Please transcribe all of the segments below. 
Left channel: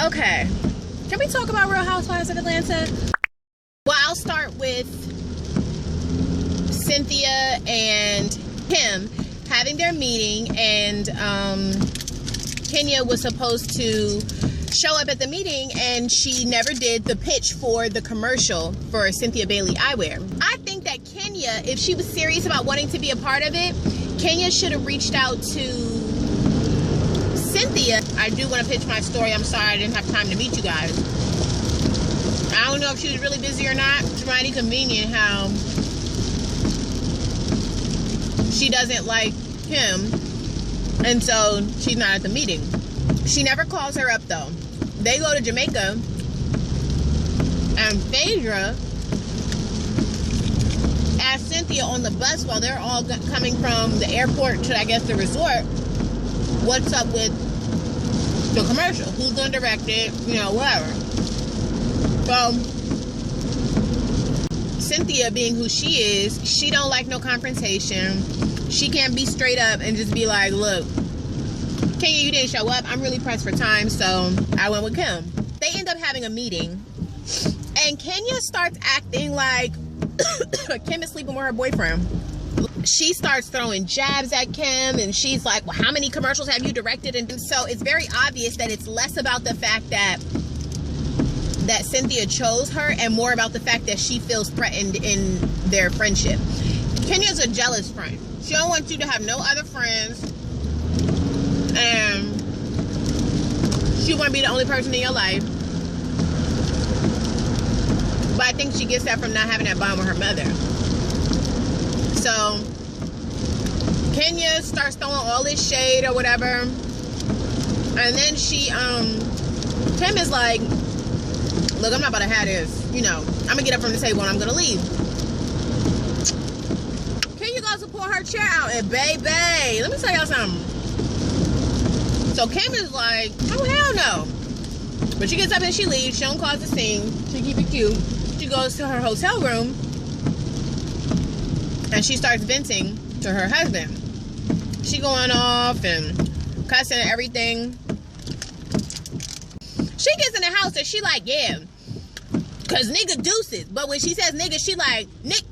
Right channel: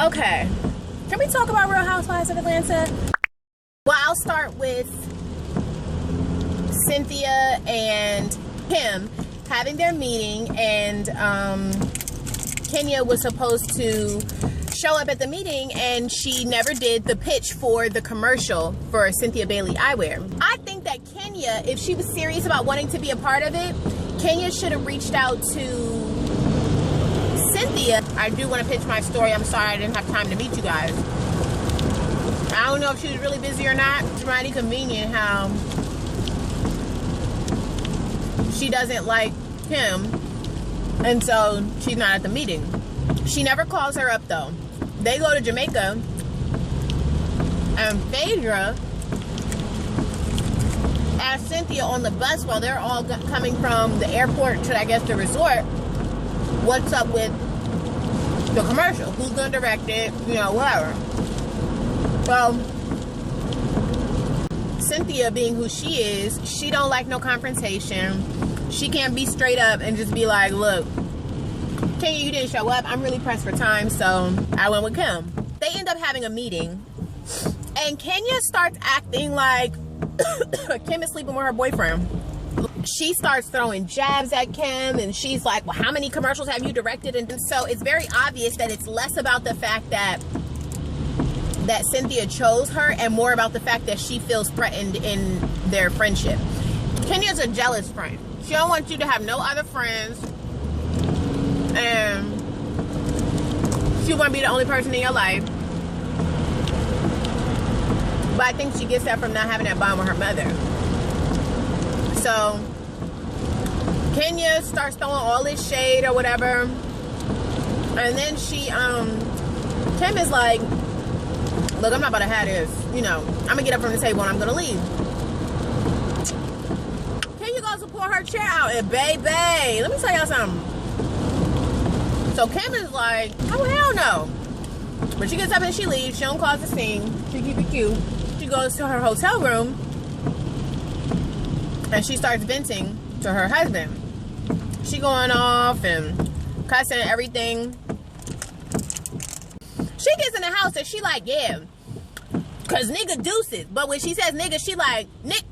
Okay. Can we talk about Real Housewives of Atlanta? Well, I'll start with Cynthia and Kim having their meeting, and Kenya was supposed to show up at the meeting, and she never did the pitch for the commercial for Cynthia Bailey Eyewear. I think that Kenya, if she was serious about wanting to be a part of it, Kenya should have reached out to Cynthia. I do want to pitch my story. I'm sorry I didn't have time to meet you guys. I don't know if she was really busy or not. It's mighty convenient how she doesn't like Kim, and so she's not at the meeting. She never calls her up though. They go to Jamaica, and Phaedra asked Cynthia on the bus while they're all coming from the airport to, I guess, the resort, what's up with the commercial? Who's going to direct it? You know, whatever. So, Cynthia, being who she is, she don't like no confrontation. She can't be straight up and just be like, look, Kenya, you didn't show up. I'm really pressed for time, so I went with Kim. They end up having a meeting, and Kenya starts acting like Kim is sleeping with her boyfriend. She starts throwing jabs at Kim, and she's like, well, how many commercials have you directed? And so it's very obvious that it's less about the fact that Cynthia chose her and more about the fact that she feels threatened in their friendship. Kenya's a jealous friend. She don't want you to have no other friends, and she want to be the only person in your life. But I think she gets that from not having that bond with her mother. So Kenya starts throwing all this shade or whatever, and then she Kim is like, look, I'm not about to have this, you know, I'm gonna get up from the table and I'm gonna leave. Kenya goes to pull her chair out, and baby, let me tell y'all something. So Kim is like, oh hell no. But she gets up and she leaves. She don't cause the scene. She keep it cute. She goes to her hotel room and she starts venting to her husband. She going off and cussing and everything. She gets in the house and she like, yeah, cause nigga deuces. But when she says nigga, she like, Nick.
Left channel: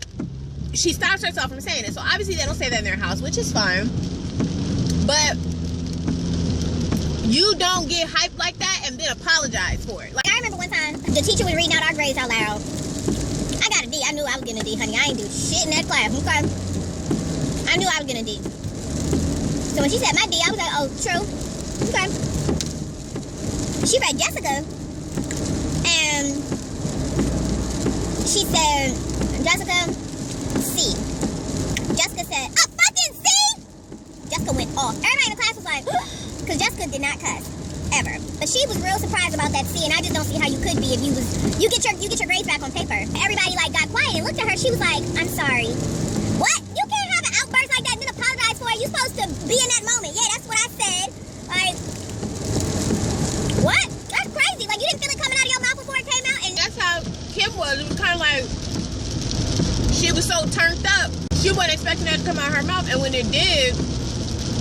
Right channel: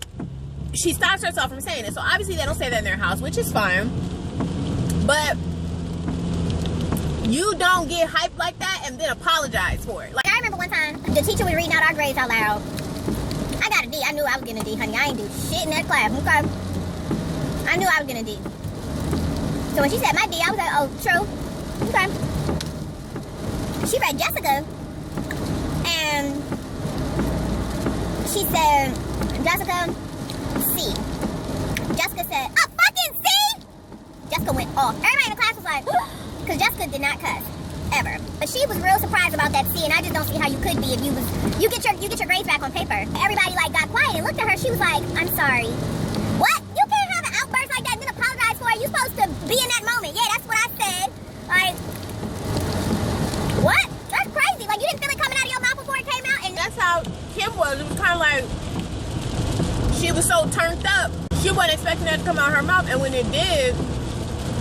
She stops herself from saying it. So obviously they don't say that in their house, which is fine. But you don't get hyped like that and then apologize for it. Like, I remember one time the teacher was reading out our grades out loud. I got a D. I knew I was getting a D, honey. I ain't do shit in that class, okay? I knew I was getting a D. So when she said my D, I was like, oh, true. Okay. She read Jessica, and she said, Jessica, C. Jessica said, a fucking C? Jessica went off. Everybody in the class was like, because Jessica did not cuss ever, but she was real surprised about that C, and I just don't see how you could be if you get your grades back on paper. Everybody like got quiet and looked at her. She was like, I'm sorry. What? You can't have an outburst like that and then apologize for it. You're supposed to be in that moment. Yeah, that's what I said. Like, what? That's crazy. Like, you didn't feel it coming out of your mouth before it came out? And that's how Kim was. It was kind of like she was so turned up. She wasn't expecting that to come out of her mouth, and when it did,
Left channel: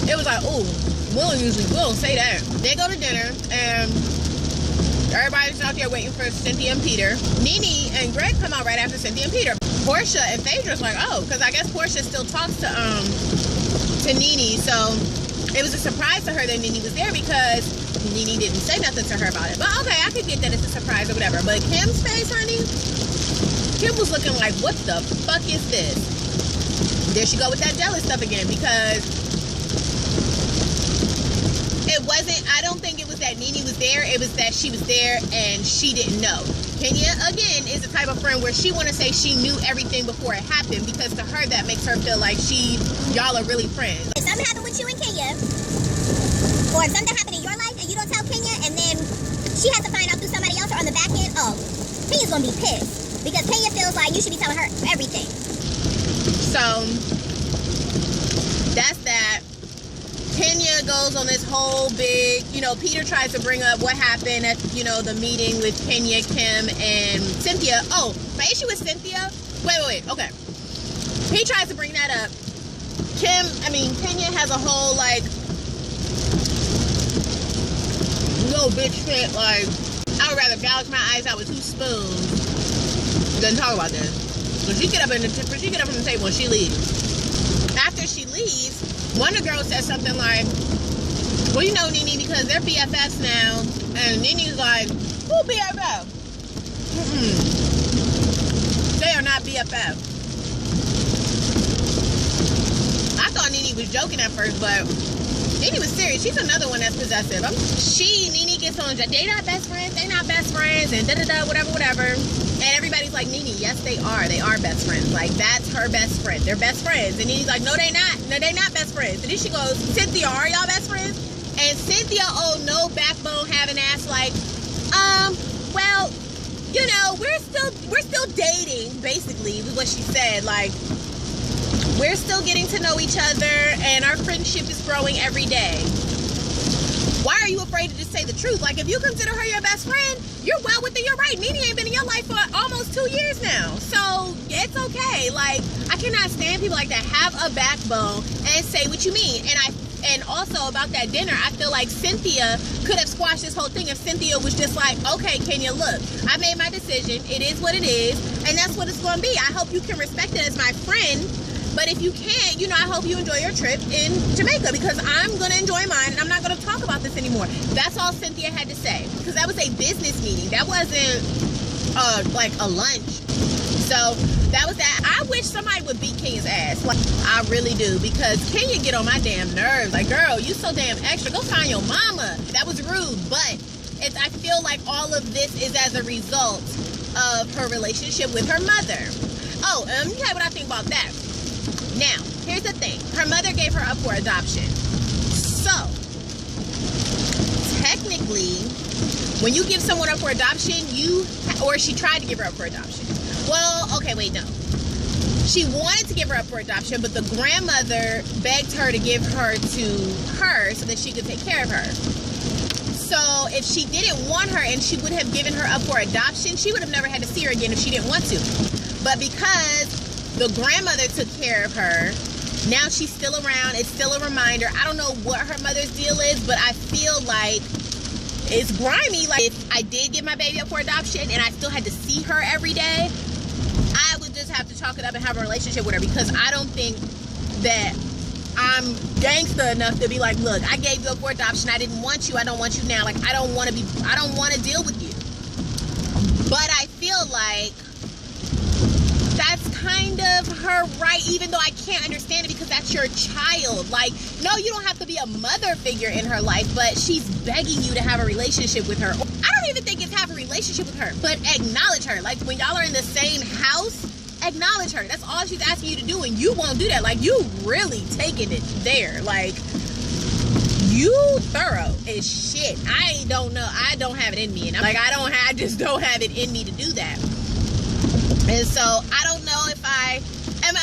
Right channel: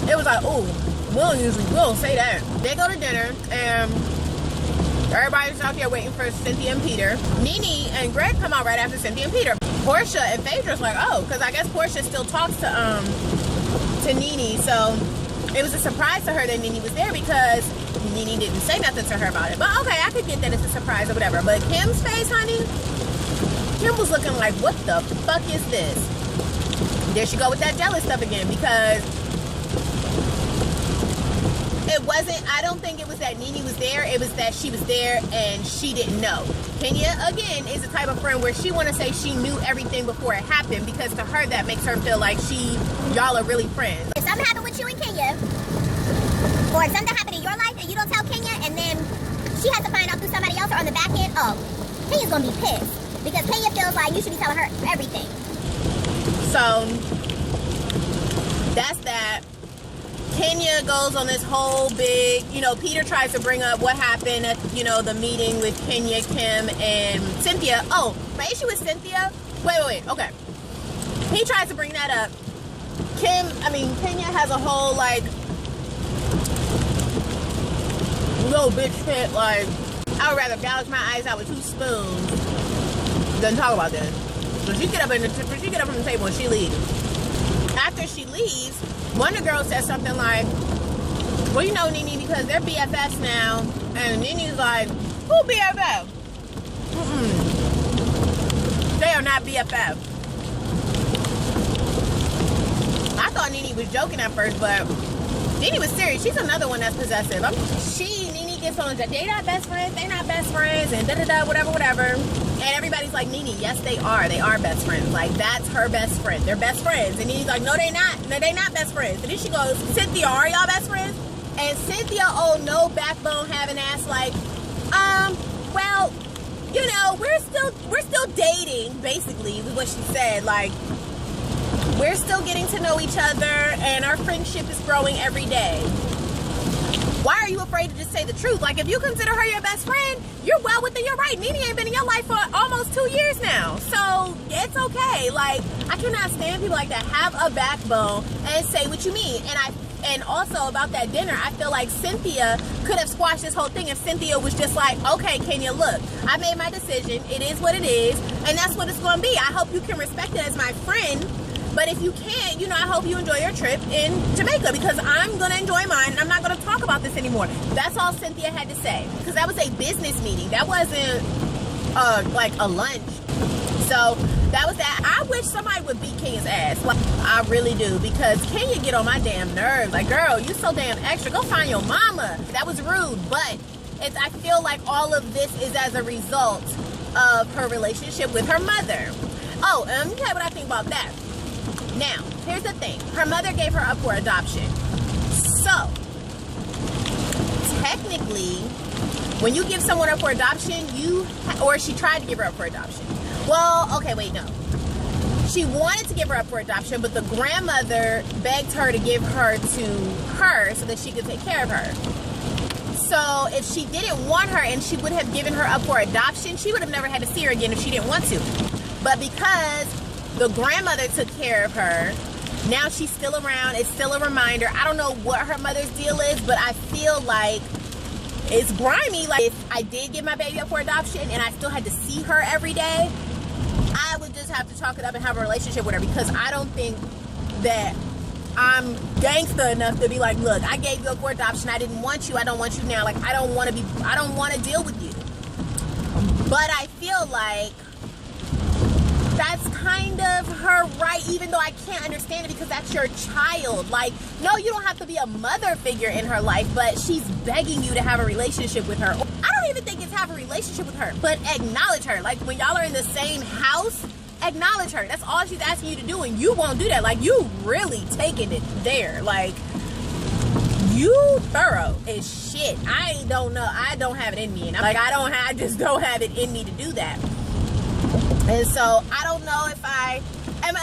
it was like, ooh. We don't say that. They go to dinner, and everybody's out there waiting for Cynthia and Peter. Nene and Greg come out right after Cynthia and Peter. Portia and Phaedra's like, oh, because I guess Portia still talks to Nene, so it was a surprise to her that Nene was there because Nene didn't say nothing to her about it. But okay, I could get that it's a surprise or whatever. But Kim's face, honey, Kim was looking like, what the fuck is this? There she go with that jealous stuff again, because it wasn't, I don't think it was that Nene was there. It was that she was there and she didn't know. Kenya, again, is the type of friend where she want to say she knew everything before it happened, because to her that makes her feel like y'all are really friends. if something happened with you and Kenya, or if something happened in your life and you don't tell Kenya, and then she has to find out through somebody else or on the back end, oh, Kenya's going to be pissed. Because Kenya feels like you should be telling her everything. So, that's that. Kenya goes on this whole big, you know, Peter tries to bring up what happened at, you know, the meeting with Kenya, Kim, and Cynthia. Oh, my issue with Cynthia, wait, okay. He tries to bring that up. Kenya has a whole, like, no, bitch fit. Like, I would rather gouge my eyes out with 2 spoons than talk about this. So she get up from the table and she leaves. After she leaves, one of the girls says something like, well, you know, Nene, because they're BFFs now. And Nene's like, who BFF? They are not BFF. I thought Nene was joking at first, but Nene was serious. She's another one that's possessive. Nene gets on, they not best friends, they not best friends, and da-da-da, whatever. And everybody's like, Nene, yes, they are best friends. Like, that's her best friend. They're best friends. And Nene's like, no, they not. No, they not best friends. And then she goes, Cynthia, are y'all best friends? And Cynthia, oh, no backbone having ass like, well, you know, we're still dating, basically, is what she said. Like, we're still getting to know each other, and our friendship is growing every day. Why are you afraid to just say the truth? Like, if you consider her your best friend, you're well within your right. Nene ain't been in your life for almost 2 years now. So, it's okay. Like, I cannot stand people like that. Have a backbone and say what you mean. And also about that dinner, I feel like Cynthia could have squashed this whole thing if Cynthia was just like, okay, Kenya, look, I made my decision. It is what it is, and that's what it's going to be. I hope you can respect it as my friend. But if you can't, you know, I hope you enjoy your trip in Jamaica, because I'm going to enjoy mine, and I'm not going to talk about this anymore. That's all Cynthia had to say, because that was a business meeting. That wasn't like a lunch. So that was that. I wish somebody would beat Kenya's ass. Like, I really do, because Kenya get on my damn nerves. Like, girl, you so damn extra. Go find your mama. That was rude, but I feel like all of this is as a result of her relationship with her mother. Oh, and okay, what I think about that. Now, here's the thing. Her mother gave her up for adoption. So, technically, when you give someone up for adoption, or she tried to give her up for adoption. Well, okay, wait, no. She wanted to give her up for adoption, but the grandmother begged her to give her to her so that she could take care of her. So if she didn't want her and she would have given her up for adoption, she would have never had to see her again if she didn't want to. But because the grandmother took care of her, now she's still around. It's still a reminder. I don't know what her mother's deal is, but I feel like it's grimy. Like, if I did give my baby up for adoption and I still had to see her every day, I would just have to chalk it up and have a relationship with her, because I don't think that I'm gangster enough to be like, look, I gave you up for adoption. I didn't want you. I don't want you now. Like, I don't want to deal with you. But I feel like that's kind of her right, even though I can't understand it, because that's your child. Like, no, you don't have to be a mother figure in her life, but she's begging you to have a relationship with her. I don't even think it's have a relationship with her, but acknowledge her. Like, when y'all are in the same house, acknowledge her. That's all she's asking you to do, and you won't do that. Like, you really taking it there. Like, you thorough as shit. I don't know. I don't have it in me, and I'm like, I just don't have it in me to do that. And so I don't know if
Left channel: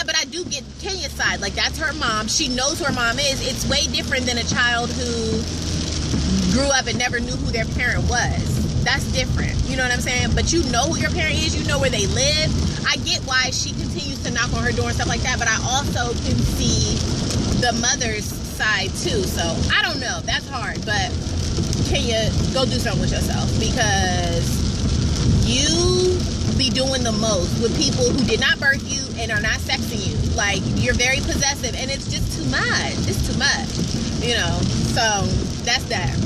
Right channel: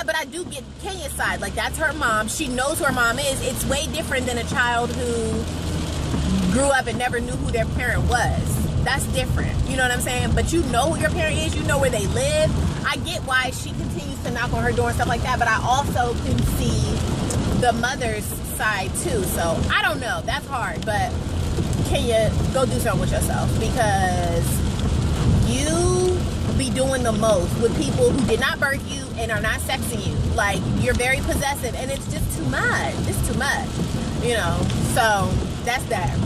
but I do get Kenya's side. Like, that's her mom. She knows who her mom is. It's way different than a child who grew up and never knew who their parent was. That's different. You know what I'm saying? But you know who your parent is. You know where they live. I get why she continues to knock on her door and stuff like that, but I also can see the mother's side too. So I don't know. That's hard. But Kenya, go do something with yourself, because you be doing the most with people who did not birth you and are not sexing you. Like, you're very possessive, and it's just too much. It's too much, you know. So that's that.